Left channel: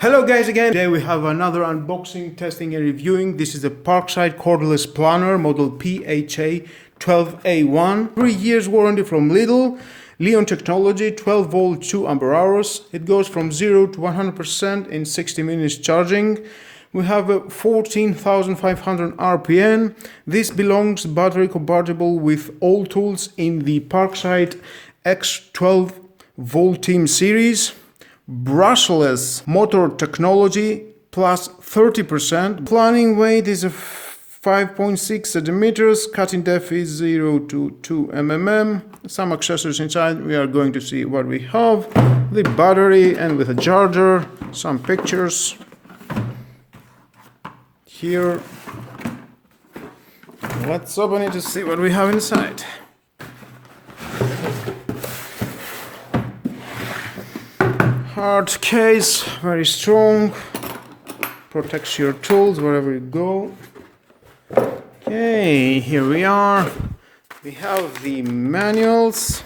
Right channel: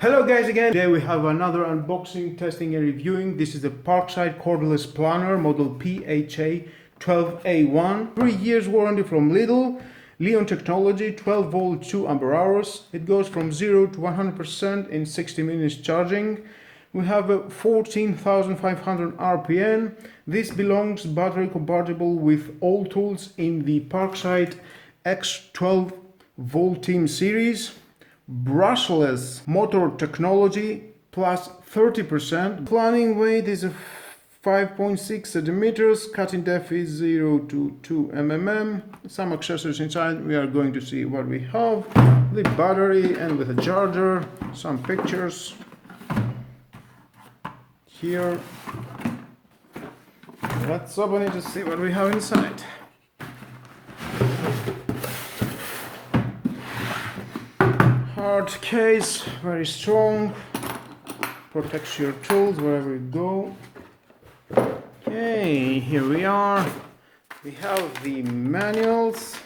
Hello guys again. Today we have another unboxing, testing and reviewing. This is the Parkside Cordless Planner model PHA 12A1. 3 years warranty from Lidl. Leon technology, 12 volt 2 ampere hours. It goes from 0 to 100% in 60 minutes charging. We have a 14,500 RPM. This belongs battery compatible with all tools in the Parkside X12 volt team series. Brushless motor technology plus 30%. Planning weight is a 5.6 centimeters. Cutting depth is 0 to 2 mm. Some accessories inside. We are going to see what we have. The battery and with a charger. Some pictures here. Let's open it to see what we have inside. Hard case, very strong, protects your tools wherever you go. Okay, here we are. We have the manuals.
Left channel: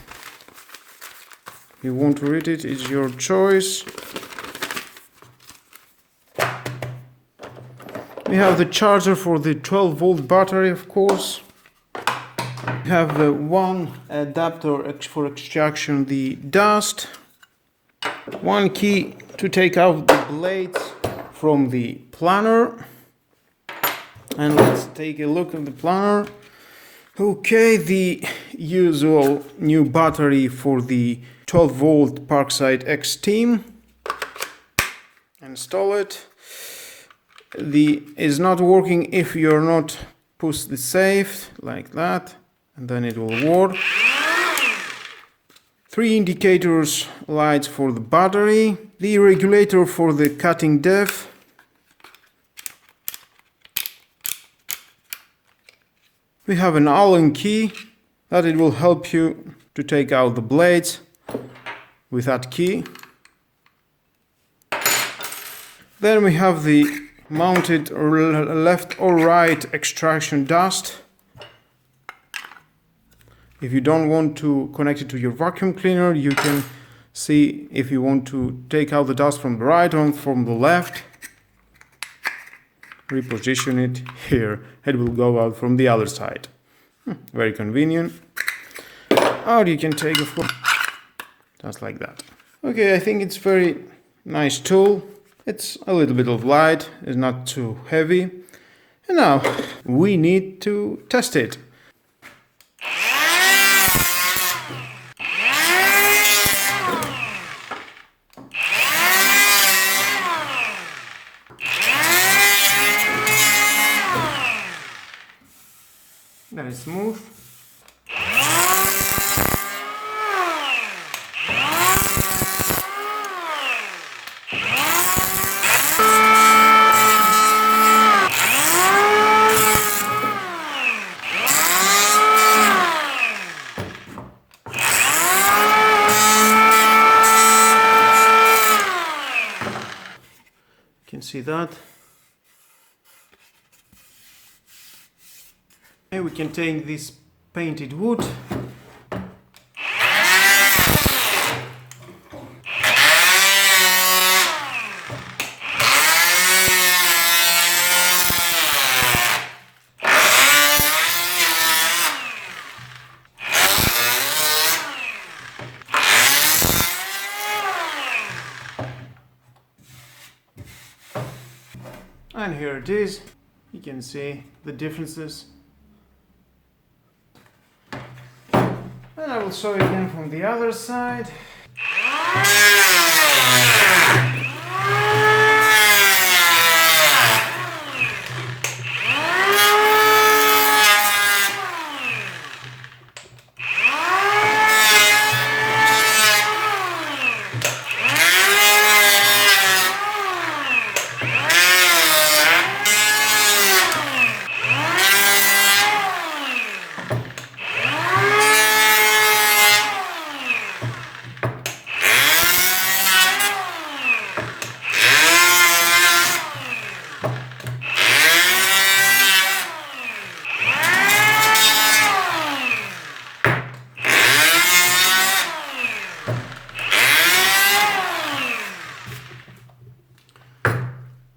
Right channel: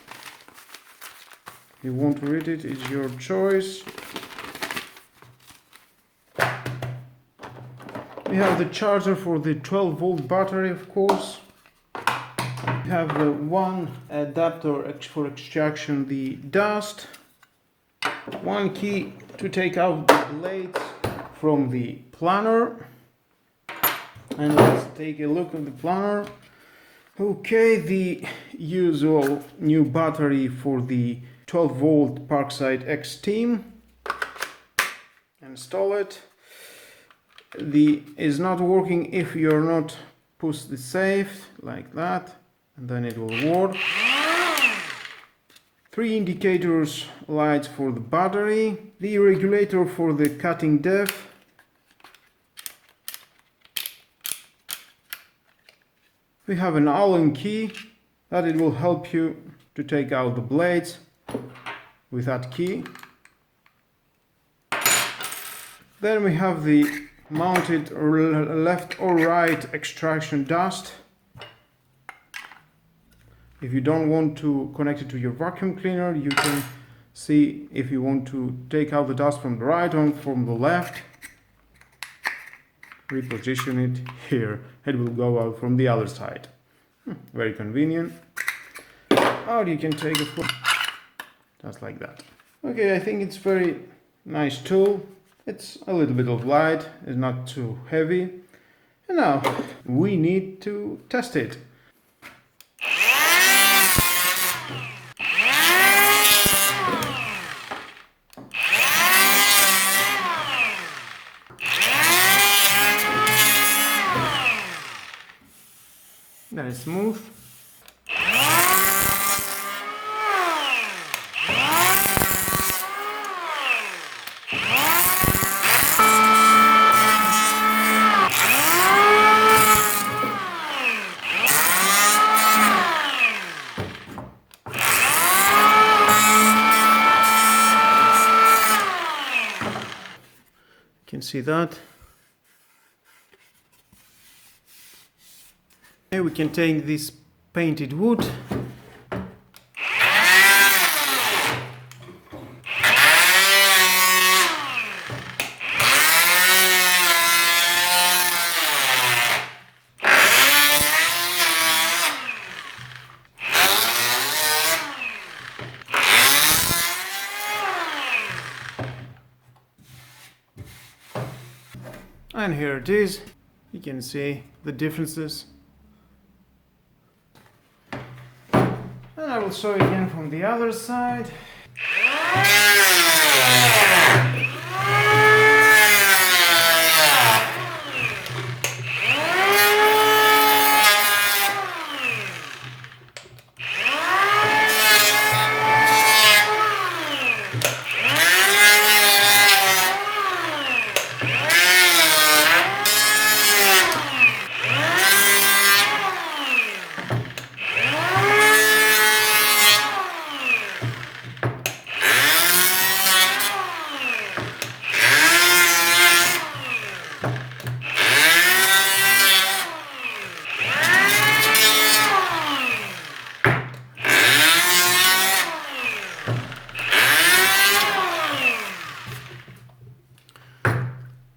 If you want to read it, it's your choice. We have the charger for the 12 volt battery, of course. We have the one adapter for extraction the dust. One key to take out the blades from the planner. And let's take a look at the planner. Okay, the usual new battery for the 12 volt Parkside X team. Install it. Is not working if you're not push the safe like that, and then it will work. 3 indicators lights for the battery, the regulator for the cutting depth, we have an Allen key that it will help you to take out the blades with that key. Then we have the mounted left or right extraction dust. If you don't want to connect it to your vacuum cleaner, you can see if you want to take out the dust from the right or from the left. Reposition it here. It will go out from the other side. Very convenient. Or you can take a floor. Just like that. Okay, I think it's very nice tool. It's a little bit of light. It's not too heavy. And now we need to test it. Very smooth. You can see that. We can take this painted wood . And here it is. You can see the differences. And I will show you again from the other side.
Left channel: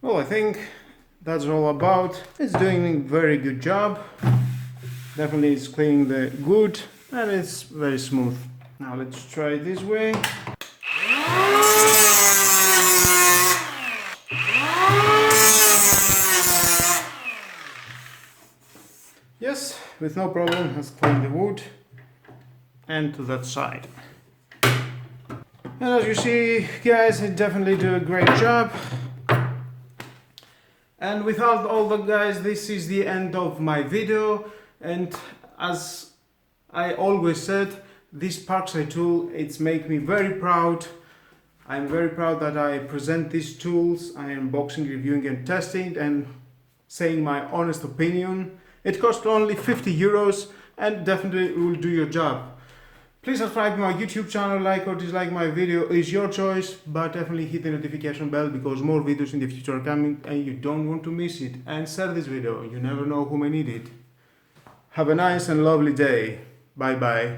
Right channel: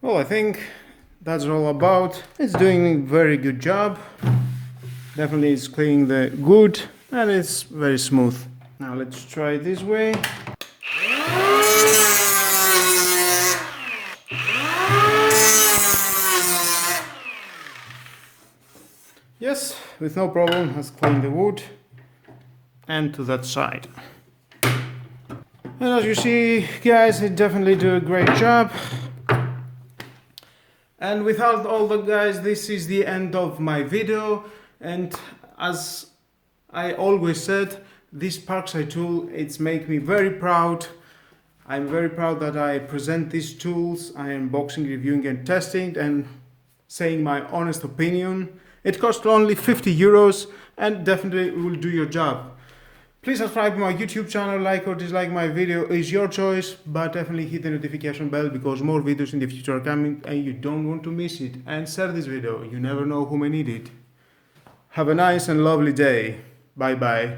Well, I think that's all about. It's doing a very good job. Definitely it's cleaning the wood and it's very smooth. Now let's try it this way. Yes, with no problem has cleaned the wood and to that side. And as you see, guys, it definitely do a great job. And without all that, guys, this is the end of my video. And as I always said, this Parkside tool, it's make me very proud. I'm very proud that I present these tools. I am unboxing, reviewing and testing and saying my honest opinion. It costs only 50 euros and definitely will do your job. Please subscribe to my YouTube channel, like or dislike my video is your choice, but definitely hit the notification bell because more videos in the future are coming and you don't want to miss it. And share this video, you never know who may need it. Have a nice and lovely day. Bye bye.